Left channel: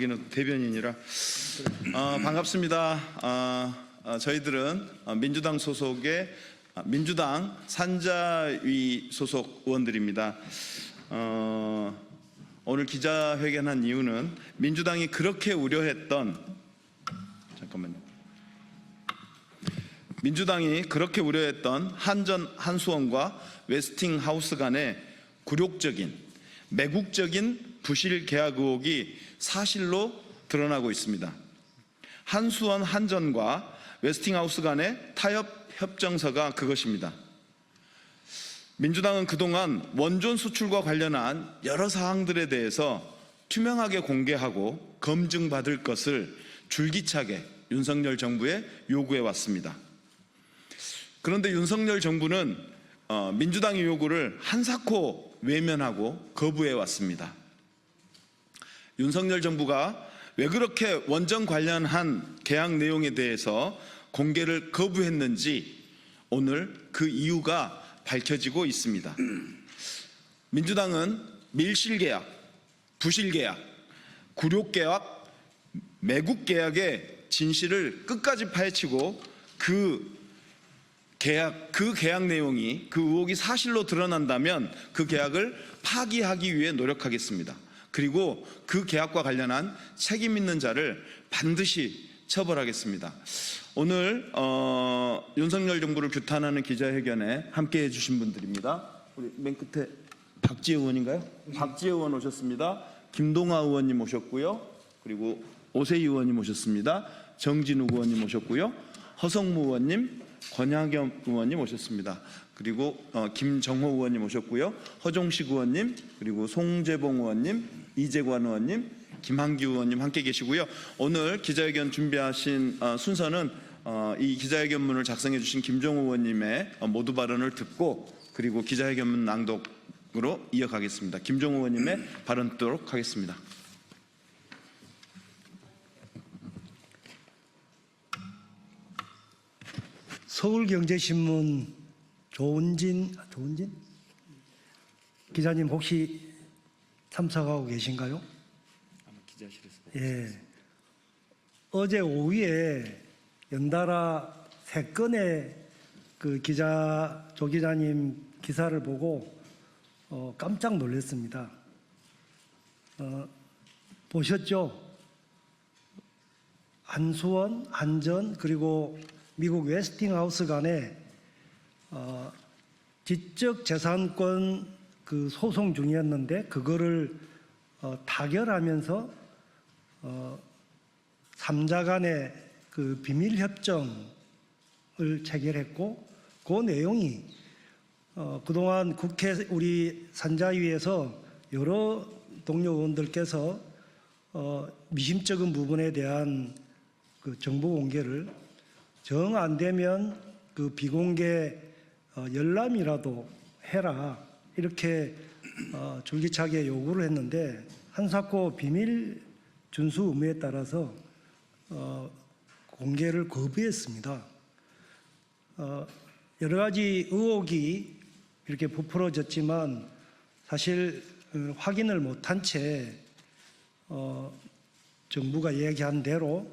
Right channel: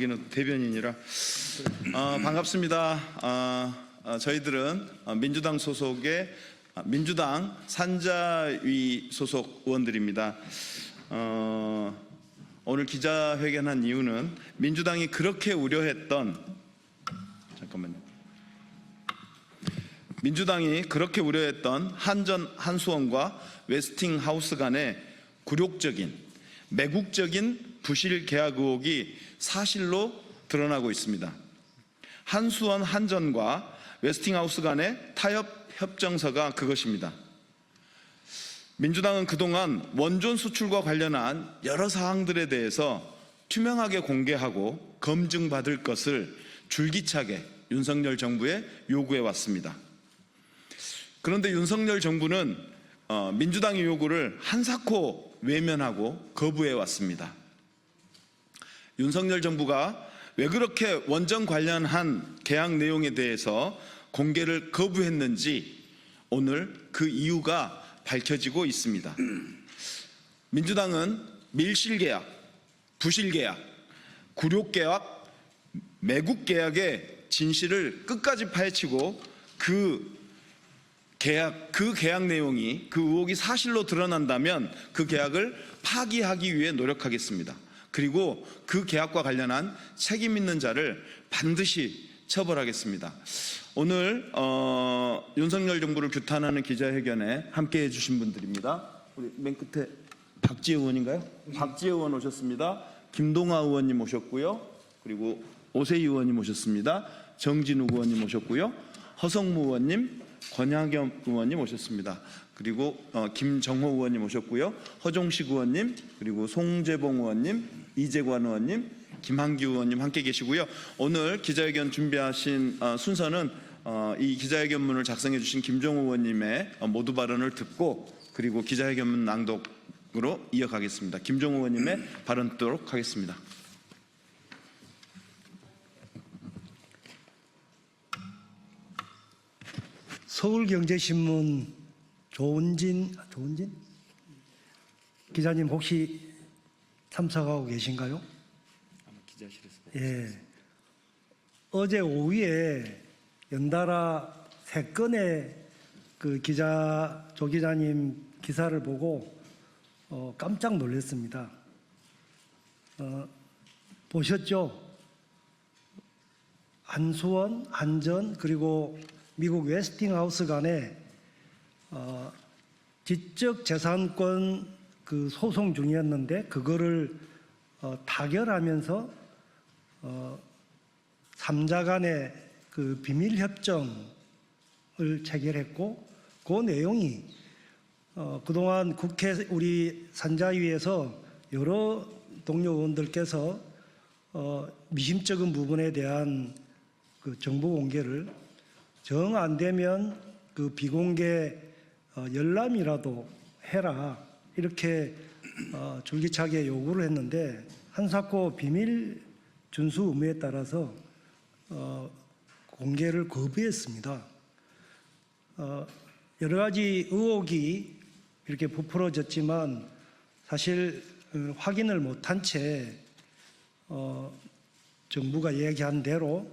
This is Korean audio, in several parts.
여기는 대변인이라 반갑습니다. 저희들은 민주당 소속의 민주당 산자위 소속 의원들입니다. 오늘 기자회견한 이유는 민주당이 그렇게 우려했던 한수원과 웨스팅하우스 간의 굴욕적인 매국적인 부실 계약 의혹이 사실로 드러나고 있습니다. 한수원 한전과 웨스팅하우스 간의 타협 협정서가 그것입니다. 민주당은 그동안 원전 수출과 관련한 여러 사항들에 대해서 투명하게 공개하고 검증받을 것을 줄기차게 윤석열 정부에 요구해 왔습니다. 그런데 윤석열 정부는 민주당의 요구를 한사코 외면하고 거부해 왔습니다. 윤석열 정부가 왜 그렇게 원전 관련한 계약 내용에 대해서 공개를 거부했는지 오늘 그 이유가 밝혀지고 있습니다. 민주당은 밀실계약, 부실계약, 굴욕계약, 매국계약의 진실을 끝까지 파헤치고 그 계약 내용이 그 의혹이 사실로 드러난다면 그 계약을 파기하기 위해 노력하겠습니다. 그리고 그 계약과 관련한 책임 있는 자를 반드시 처벌하겠습니다. 오늘 윤석열 정부를 규탄하는 기자회견에 함께해 주신 분들입니다. 우리 맨 끝에 박지혜 의원인가요? 박지혜 의원 오셨습니다. 김동아 의원님 오셨고요. 그리고 오세희 의원님 오셨습니다. 정진욱 의원님 오셨고요. 허성무 의원님, 권양겸 의원님 오셨습니다. 그리고 김정호 의원님 오셨고요. 허종식 의원님, 그리고 송재봉 의원님, 이재관 의원님, 김한규 의원님 함께 계시고요. 오늘 기자회견 준비하신 순서는 이 기자회견문을 작성해 주신 김정호 의원님의 모두 발언을 듣고 그리고 기자회견문 낭독으로 이어가겠습니다. 김정호 의원님의 발언 듣도록 하겠습니다. 서울경제신문 조은진 기자님 혹시 참석하고 계신가요? 예. 어제 오후에 연달아 3건의 조 기자님 기사를 보고 깜짝 놀랐습니다. 보셨죠? 한수원, 한전 그리고 미국 웨스팅하우스 간에 지적재산권 소송 중이었는데 그거를 타결하면서 3자 간의 비밀협정을 체결했고 그 내용이 그동안 국회 우리 산자위에서 여러 동료 의원들께서 미심쩍은 부분에 대한 정보 공개를 정 안 되면 비공개 열람이라도 해라 이렇게 줄기차게 요구를 했는데 한사코 비밀 준수 의무에 따라서 공개를 거부했습니다. 여러 가지 의혹이 이렇게 부풀어졌지만 사실 확인을 못한 채 정부가 얘기한 대로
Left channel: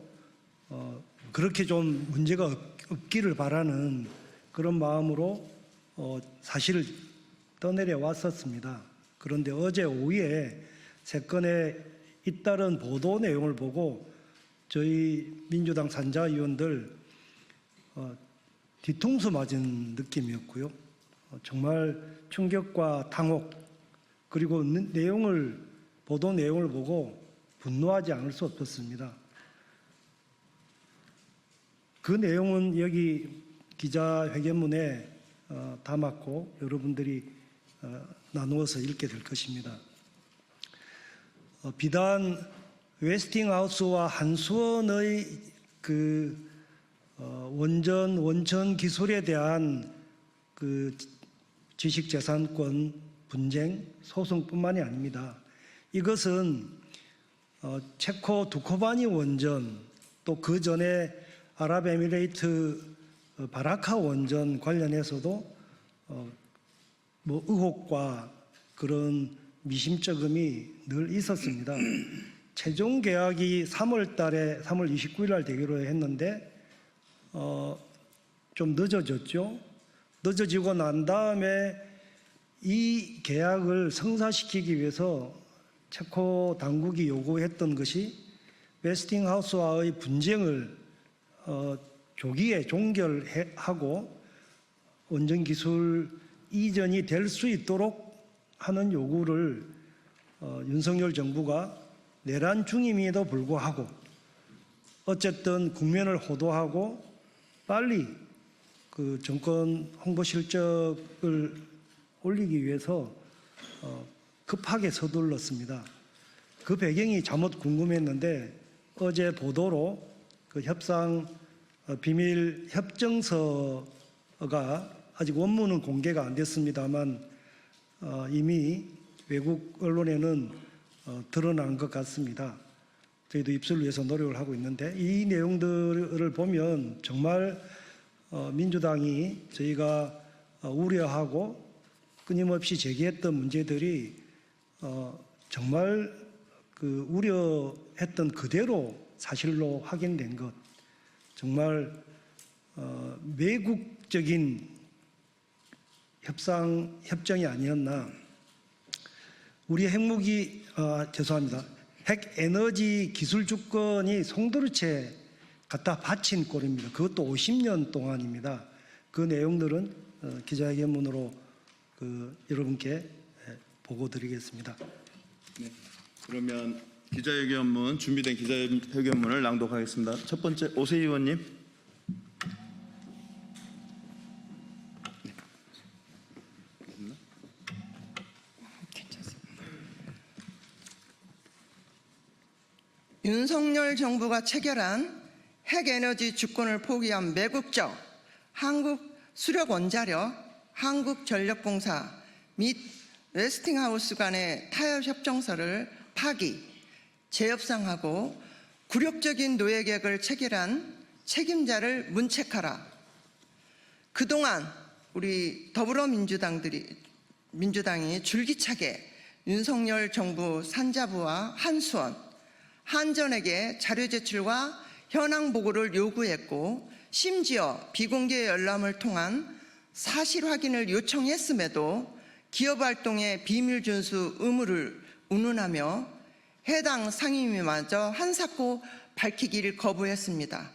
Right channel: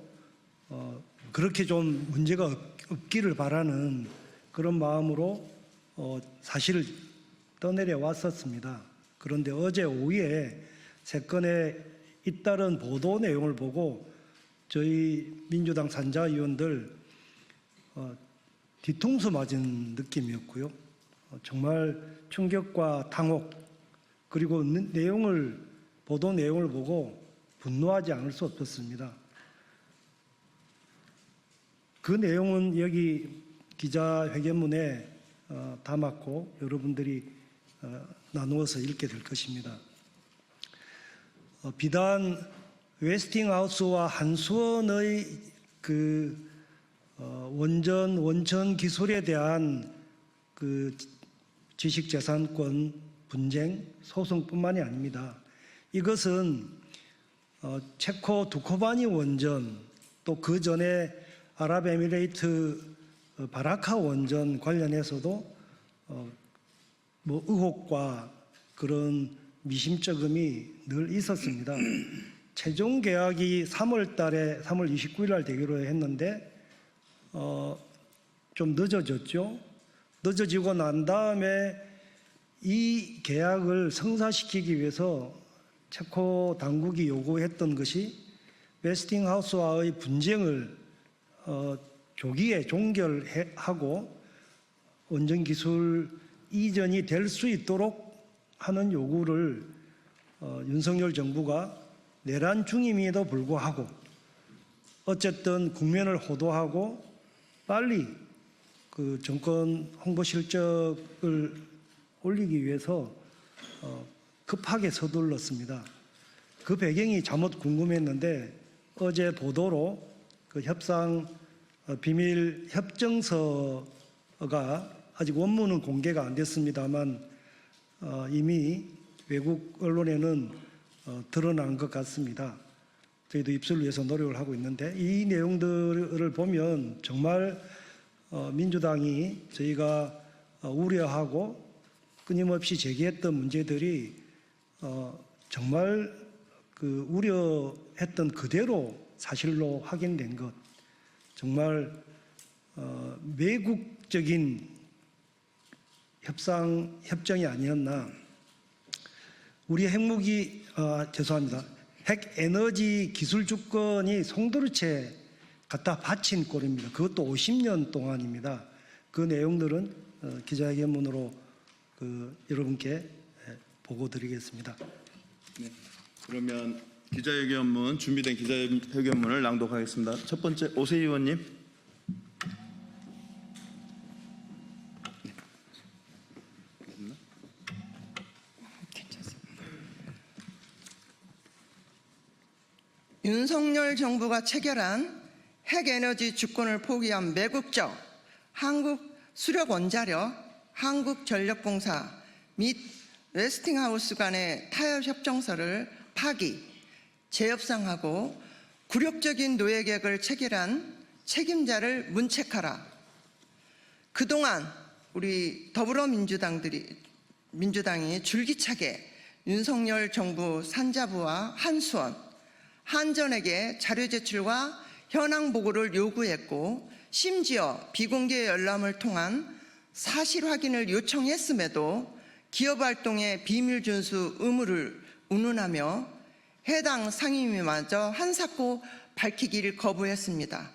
그렇게 좀 문제가 없기를 바라는 그런 마음으로 사실을 떠내려 왔었습니다. 그런데 어제 오후에 3건의 잇따른 보도 내용을 보고 저희 민주당 산자위원들 뒤통수 맞은 느낌이었고요. 정말 충격과 당혹 그리고 보도 내용을 보고 분노하지 않을 수 없었습니다. 그 내용은 여기 기자회견문에 담았고 여러분들이 나누어서 읽게 될 것입니다. 비단 웨스팅하우스와 한수원의 원천 기술에 대한 지식재산권 분쟁 소송뿐만이 아닙니다. 이것은 체코 두코바니 원전 또 그 전에 아랍에미레이트 바라카 원전 관련해서도 의혹과 그런 미심쩍음이 늘 있었습니다. 최종 계약이 3월 29일 날 되기로 했는데 좀 늦어졌죠. 늦어지고 난 다음에 이 계약을 성사시키기 위해서 체코 당국이 요구했던 것이 웨스팅하우스와의 분쟁을 조기에 종결하고 원전 기술 이전이 될 수 있도록 하는 요구를 윤석열 정부가 내란 중임에도 불구하고 어쨌든 국면을 호도하고 빨리 그 정권 홍보 실적을 올리기 위해서 급하게 서둘렀습니다. 그 배경이 잘못 궁금했는데 어제 보도로 그 협상 비밀 협정서가 아직 원문은 공개가 안 됐습니다만 이미 외국 언론에는 드러난 것 같습니다. 저희도 입수를 위해서 노력을 하고 있는데 이 내용들을 보면 정말 민주당이 저희가 우려하고 끊임없이 제기했던 문제들이 정말 그 우려했던 그대로 사실로 확인된 것, 정말 매국적인 협정이 아니었나. 우리 핵무기 죄송합니다. 핵에너지 기술 주권이 송도르채 갖다 바친 꼴입니다. 그것도 50년 동안입니다. 그 내용들은 기자회견문으로 여러분께 보고드리겠습니다. 네, 그러면 기자회견문 준비된 기자회견문을 낭독하겠습니다. 첫 번째 오세희 의원님. 윤석열 정부가 체결한 핵에너지 주권을 포기한 매국적 한국수력원자력, 한국전력공사 및 웨스팅하우스 간의 타협협정서를 파기, 재협상하고 굴욕적인 노예계획을 체결한 책임자를 문책하라. 그동안 우리 민주당이 줄기차게 윤석열 정부 산자부와 한수원, 한전에게 자료 제출과 현황 보고를 요구했고 심지어 비공개 열람을 통한 사실 확인을 요청했음에도 기업활동의 비밀 준수 의무를 운운하며 해당 상임위마저 한사코 밝히기를 거부했습니다.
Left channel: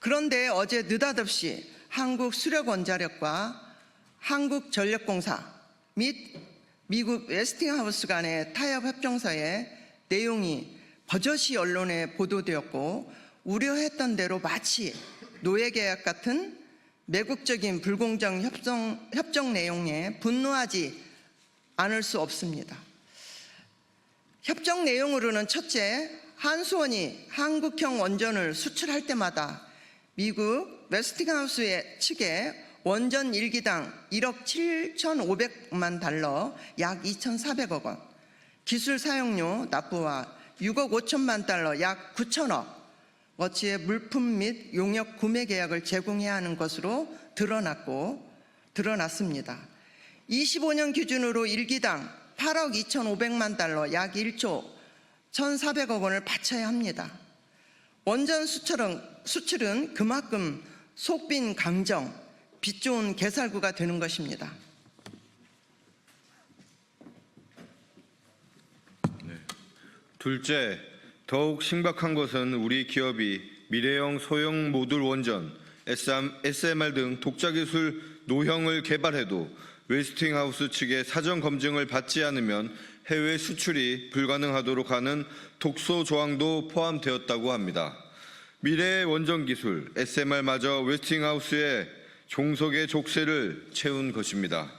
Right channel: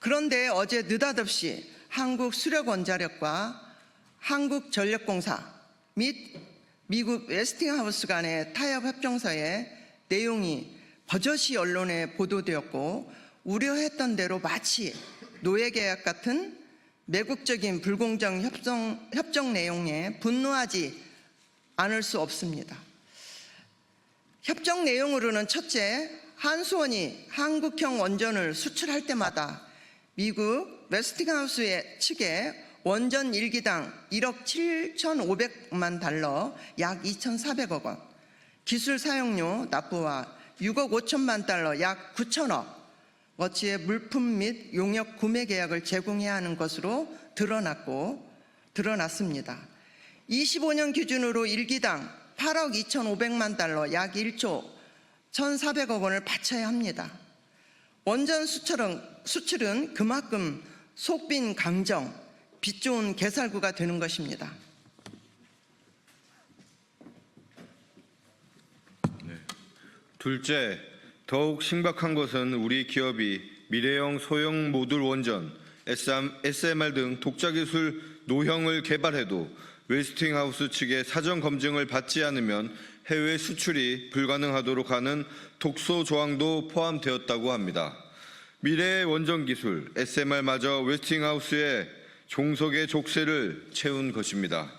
그런데 어제 느닷없이 한국수력원자력과 한국전력공사 및 미국 웨스팅하우스 간의 타협협정서의 내용이 버젓이 언론에 보도되었고 우려했던 대로 마치 노예계약 같은 매국적인 불공정 협정 내용에 분노하지 않을 수 없습니다. 협정 내용으로는 첫째, 한수원이 한국형 원전을 수출할 때마다 미국 웨스팅하우스 측에 원전 1기당 1억 7,500만 달러, 약 2,400억 원, 기술 사용료 납부와 6억 5천만 달러, 약 9천억 어치의 물품 및 용역 구매 계약을 제공해야 하는 것으로 드러났습니다. 25년 기준으로 1기당 8억 2,500만 달러, 약 1조 1,400억 원을 바쳐야 합니다. 원전 수출은 그만큼 속빈 강정, 빚 좋은 개살구가 되는 것입니다. 둘째, 더욱 심각한 것은 우리 기업이 미래형 소형 모듈 원전, SMR 등 독자 기술 노형을 개발해도 웨스팅하우스 측의 사전 검증을 받지 않으면 해외 수출이 불가능하도록 하는 독소 조항도 포함되었다고 합니다. 미래의 원전 기술, SMR마저 웨스팅하우스의 종속의 족쇄를 채운 것입니다.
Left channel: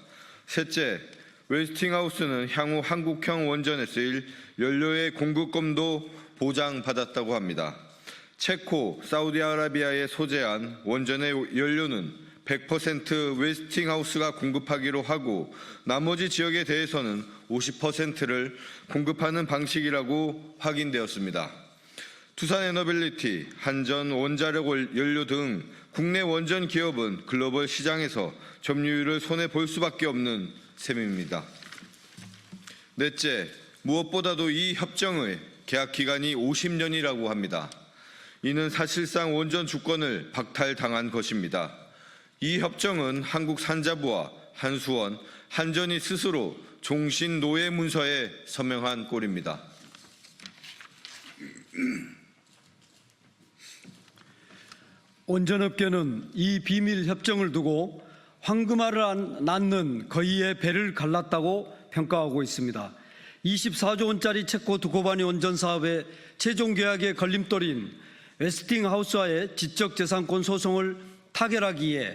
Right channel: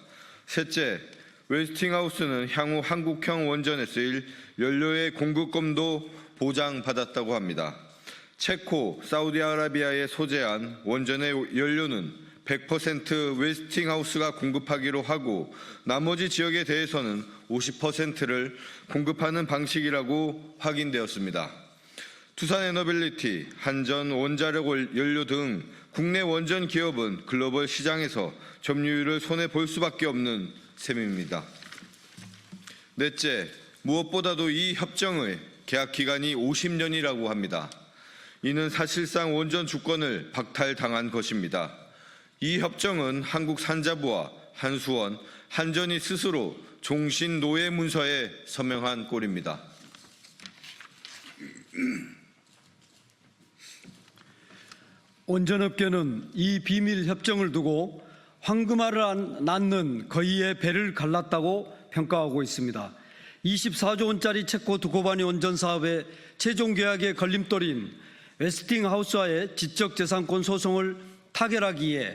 셋째, 웨스팅하우스는 향후 한국형 원전에 쓰일 연료의 공급권도 보장받았다고 합니다. 체코, 사우디아라비아에 소재한 원전의 연료는 100% 웨스팅하우스가 공급하기로 하고 나머지 지역에 대해서는 50%를 공급하는 방식이라고 확인되었습니다. 투산에너빌리티, 한전, 원자력 연료 등 국내 원전 기업은 글로벌 시장에서 점유율을 손해볼 수밖에 없는 셈입니다. 넷째, 무엇보다도 이 협정의 계약 기간이 50년이라고 합니다. 이는 사실상 원전 주권을 박탈당한 것입니다. 이 협정은 한국 산자부와 한수원, 한전이 스스로 종신 노예 문서에 서명한 꼴입니다. 원전업계는 이 비밀 협정을 두고 황금알을 낳는 거위의 배를 갈랐다고 평가하고 있습니다. 24조 원짜리 체코 두코바니 원전 사업의 최종 계약의 걸림돌인 웨스팅하우스와의 지적재산권 소송을 타결하기 위해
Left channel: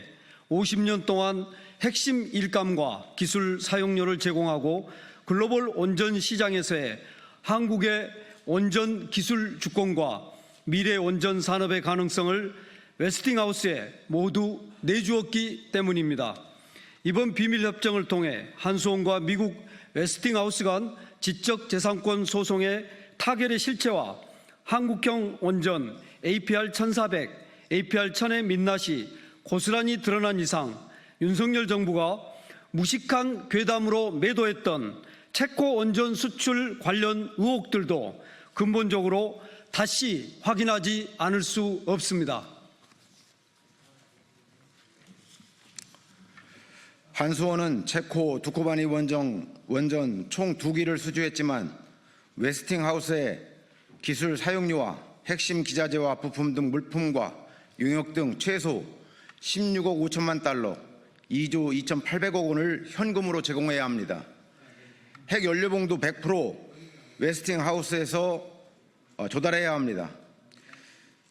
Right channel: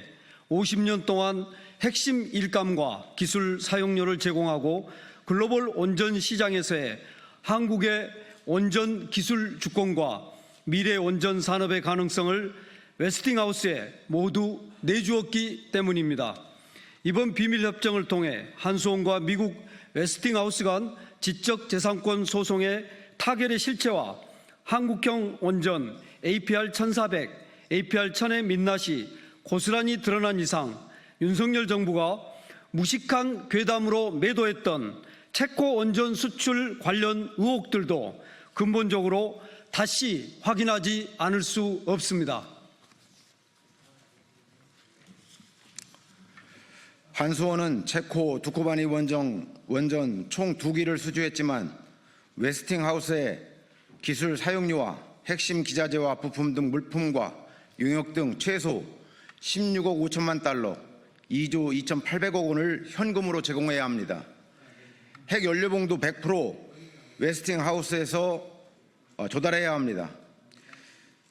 50년 동안 핵심 일감과 기술 사용료를 제공하고 글로벌 원전 시장에서의 한국의 원전 기술 주권과 미래 원전 산업의 가능성을 웨스팅하우스에 모두 내주었기 때문입니다. 이번 비밀협정을 통해 한수원과 미국 웨스팅하우스 간 지적재산권 소송의 타결의 실체와 한국형 원전 APR-1400, APR-1000의 민낯이 고스란히 드러난 이상 윤석열 정부가 무식한 괴담으로 매도했던 체코 원전 수출 관련 의혹들도 근본적으로 다시 확인하지 않을 수 없습니다. 한수원은 체코 두코바니 원전 총 2기를 수주했지만 웨스팅하우스의 기술 사용료와 핵심 기자재와 부품 등 물품과 용역 등 최소 16억 5천만 달러, 2조 2,800억 원을 현금으로 제공해야 합니다. 핵연료봉도 100% 웨스팅하우스에서 조달해야 합니다.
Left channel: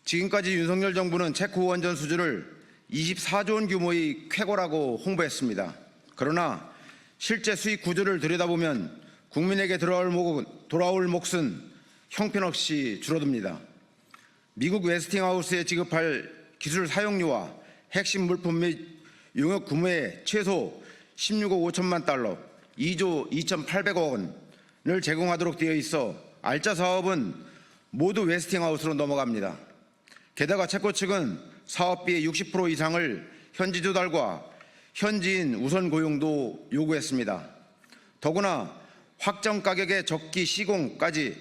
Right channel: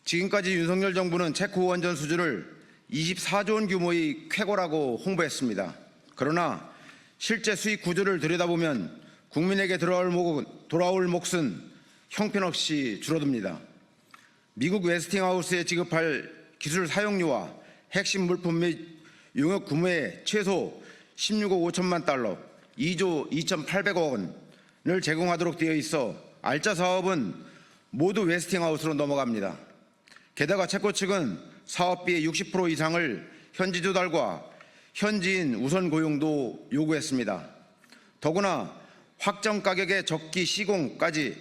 지금까지 윤석열 정부는 체코 원전 수주를 24조 원 규모의 쾌거라고 홍보했습니다. 그러나 실제 수익 구조를 들여다보면 국민에게 돌아올 몫은 형편없이 줄어듭니다. 미국 웨스팅하우스에 지급할 기술 사용료와 핵심 물품 및 용역 규모의 최소 16억 5천만 달러, 2조 2,800억 원을 제공하도록 되어 있어 알짜 사업은 모두 웨스팅하우스로 넘어갑니다. 게다가 체코 측은 사업비의 60% 이상을 현지 조달과 현지인 우선 고용도 요구했습니다. 더구나 확정 가격의 적기 시공까지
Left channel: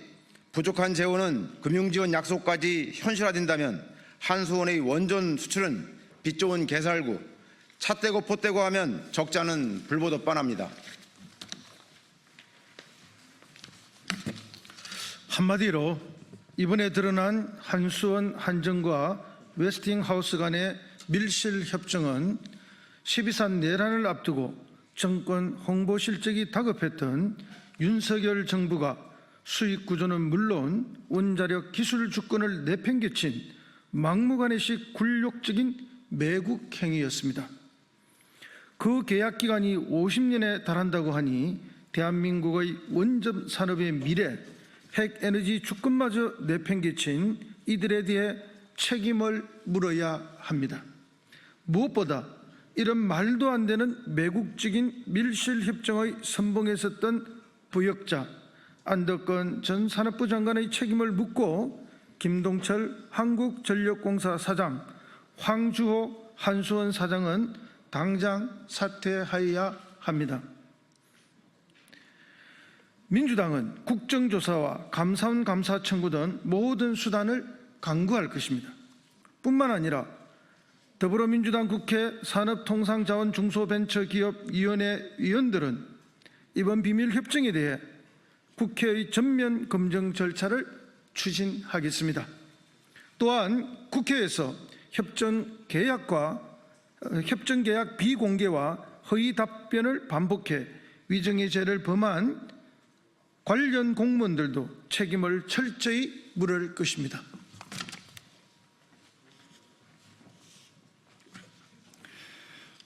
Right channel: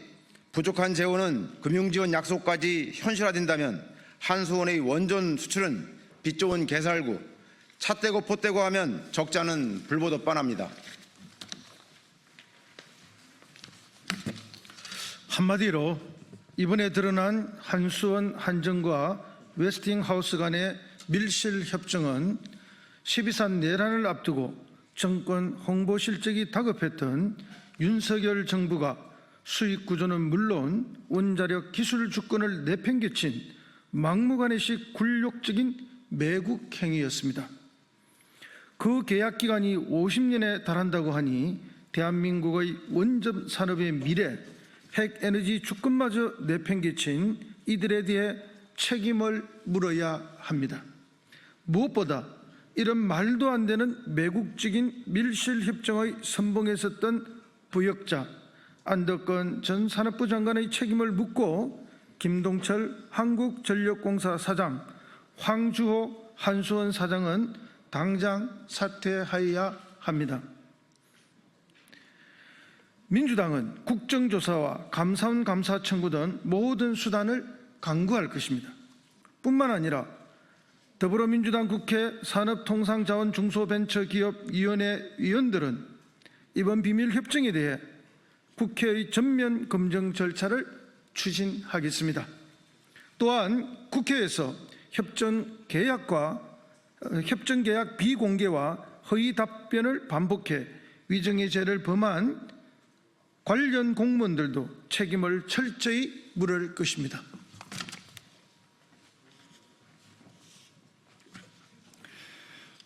부족한 재원은 금융지원 약속까지 현실화된다면 한수원의 원전 수출은 빚 좋은 개살구, 차 떼고 포 떼고 하면 적자는 불보듯 뻔합니다. 한마디로 이번에 드러난 한수원 한전과 웨스팅하우스 간의 밀실 협정은 12.3 내란을 앞두고 정권 홍보 실적이 다급했던 윤석열 정부가 수익 구조는 물론 원자력 기술 주권을 내팽개친 막무가내식 굴욕적인 매국 행위였습니다. 그 계약 기간이 50년에 달한다고 하니 대한민국의 원전 산업의 미래, 핵에너지 주권마저 내팽개친 이들에 대해 책임을 물어야 합니다. 무엇보다 이런 말도 안 되는 매국적인 밀실협정의 선봉에 섰던 부역자 안덕건 전 산업부 장관의 책임을 묻고 김동철 한국전력공사 사장, 황주호 한수원 사장은 당장 사퇴하여야 합니다. 민주당은 국정조사와 감사원 감사 청구 등 모든 수단을 강구할 것입니다. 뿐만 아니라 더불어민주당 국회 산업통상자원중소벤처기업위원회 위원들은 이번 비밀협정에 대해 국회의 전면 검증 절차를 추진하겠습니다. 또한 국회에서 협정계약 비공개와 허위 답변을 반복해 위정의 죄를 범한 관련 공무원들도 책임을 철저히 물을 것입니다.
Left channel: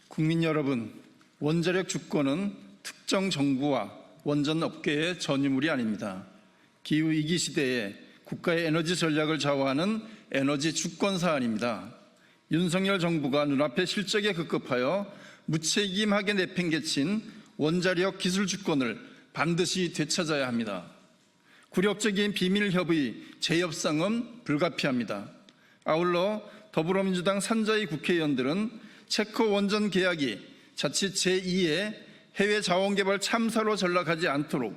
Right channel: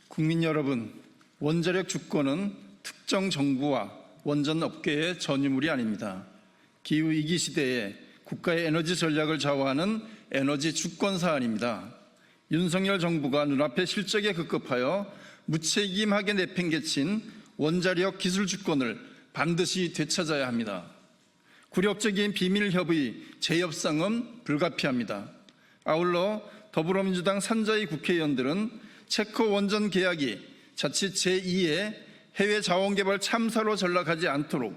국민 여러분, 원자력 주권은 특정 정부와 원전 업계의 전유물이 아닙니다. 기후위기 시대에 국가의 에너지 전략을 좌우하는 에너지 주권 사안입니다. 윤석열 정부가 눈앞에 실적에 급급하여 무책임하게 내팽개친 원자력 기술 주권을 반드시 되찾아야 합니다. 굴욕적인 비밀협의 재협상은 불가피합니다. 아울러 더불어민주당 산자위 국회의원들은 체코 원전 계약이 자칫 제2의 해외 자원개발 참사로 전락하지 않도록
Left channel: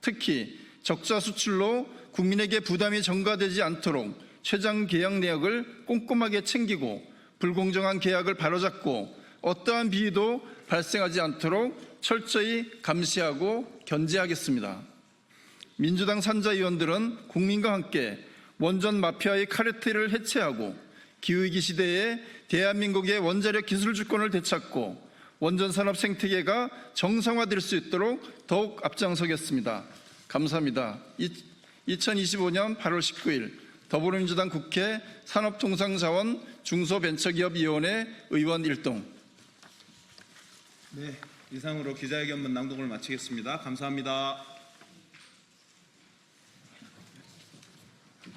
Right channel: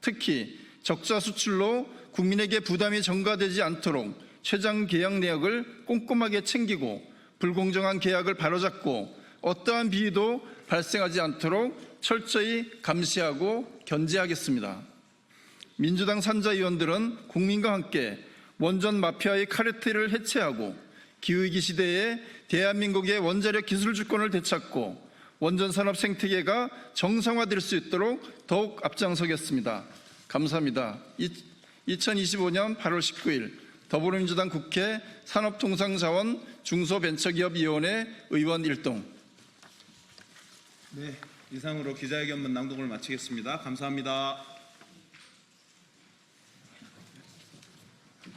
특히 적자 수출로 국민에게 부담이 전가되지 않도록 최장 계약 내역을 꼼꼼하게 챙기고 불공정한 계약을 바로잡고 어떠한 비위도 발생하지 않도록 철저히 감시하고 견제하겠습니다. 민주당 산자위원들은 국민과 함께 원전 마피아의 카르텔을 해체하고 기후위기 시대에 대한민국의 원자력 기술 주권을 되찾고 원전 산업 생태계가 정상화될 수 있도록 더욱 앞장서겠습니다. 감사합니다. 2025년 8월 19일 더불어민주당 국회 산업통상자원 중소벤처기업위원회 의원 1동. 네, 이상으로 기자회견문 낭독을 마치겠습니다. 감사합니다.